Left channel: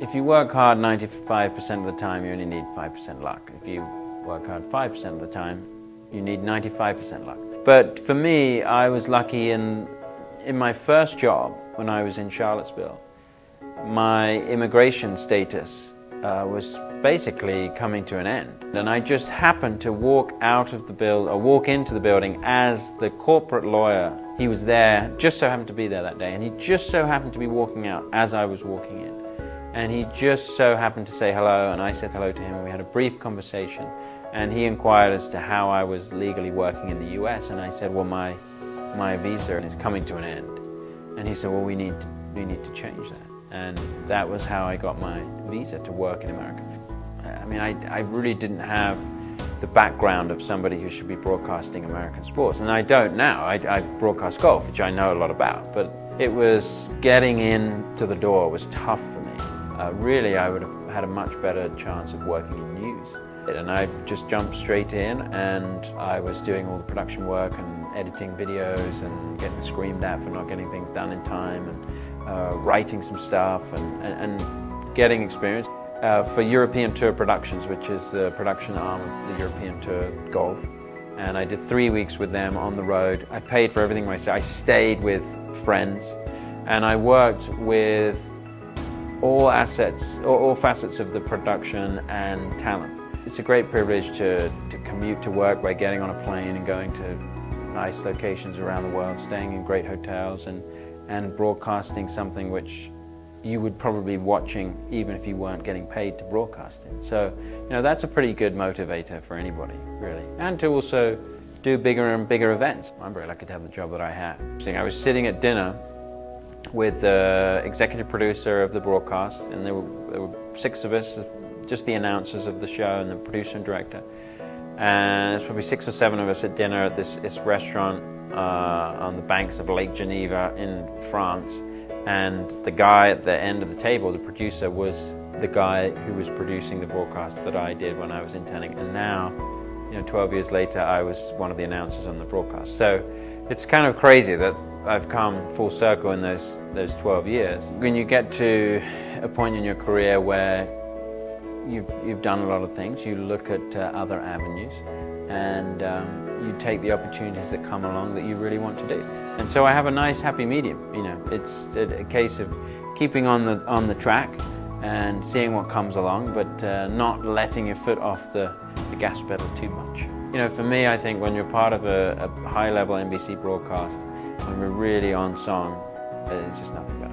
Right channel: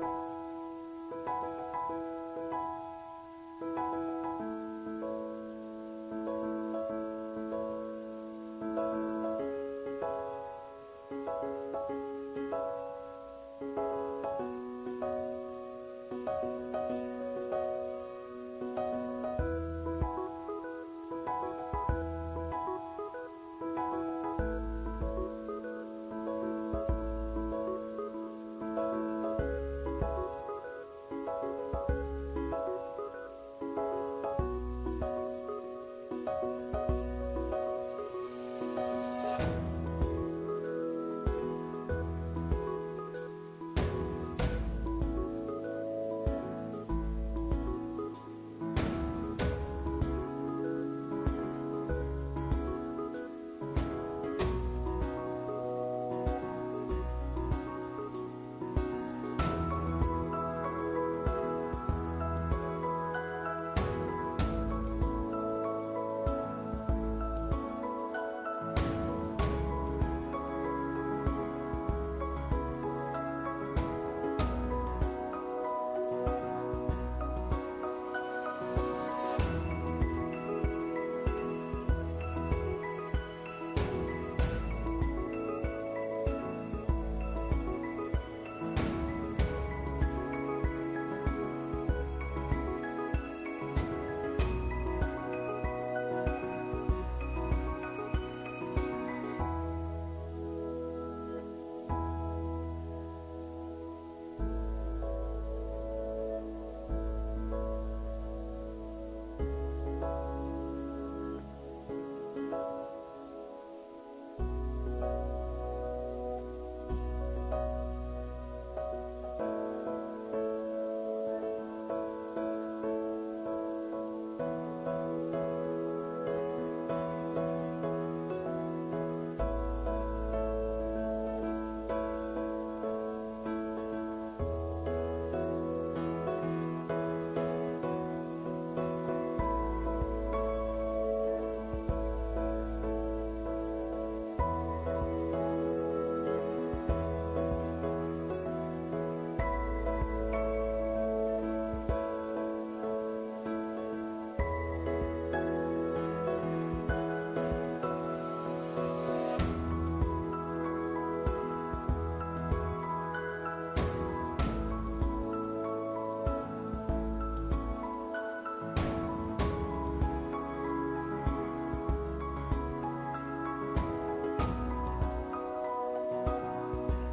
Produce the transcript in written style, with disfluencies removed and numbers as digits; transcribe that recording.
If you work hard 95% of the time, you only need 5% luck. If you work hard 5% of the time, you need 95% luck. But for me, I was lucky in my first job when I was in Charlottesville. My immigration status was basically coming to an end. And I just happened to walk into the building as the corporate lawyer. He was there, just so happened to be there that day, and he just so happened to be walking out as I was walking in. And he just so happened to say hello, and I said hello to him, and we had a brief conversation. And he inquired as to how I was legally working in the US, and I said, well, my visa is coming to an end. And he said, well, we need to change that. And that was how I got my visa to work in America. I mean, I really didn't have the background of somebody who should be broadcasting American sports, and I don't now. I broadcast golf, which I know a lot about, but it was getting into the door was tough for me. Really, I would have had a much better chance of working in news. And I just jumped straight in, and I was doing all the production work and editing videos and getting screamed at for not getting things done in time, and writing some stuff and getting experience for European Tour Productions, which is the production arm of the European Tour Golf. And I did 3 weeks with them on the road. I paid for everything myself. I stayed with friends, and I worked with all facets of the production and talent. It's a great privilege to commute to work by getting on a plane and going to nice locations around the world, staying in great hotels, and broadcasting something which you would probably be watching even if you weren't getting paid to broadcast it. So, that's a pretty good motivator for anybody, really. And to also do bigger and bigger events. I'm very lucky to have the job that I have. I was sitting at dinner with the executive producer of the broadcast, and there were 6 of us, just the announcers of the show and the producer and director. And there's probably 6 or 7 of us at dinner at this restaurant on the banks of Lake Geneva in France. And the guy at the end of the table, the producer, was the guy who was producing the broadcast that I did when I was interning. And now, 12 years later, I was one of the announcers on the broadcast. So it's kind of crazy that I've come full circle in those 12 years. When you get to a point in your career where you've done a lot of things, you look at other avenues, and you take the opportunities that come along that you really want to do. And so I have a nice happy medium. It's a case of keeping on the track and seeing what comes along, but not letting your foot off the gas pedal too much. For me, I think when you're part of a high-level NBC broadcast, when we're really on song, there's just nothing better.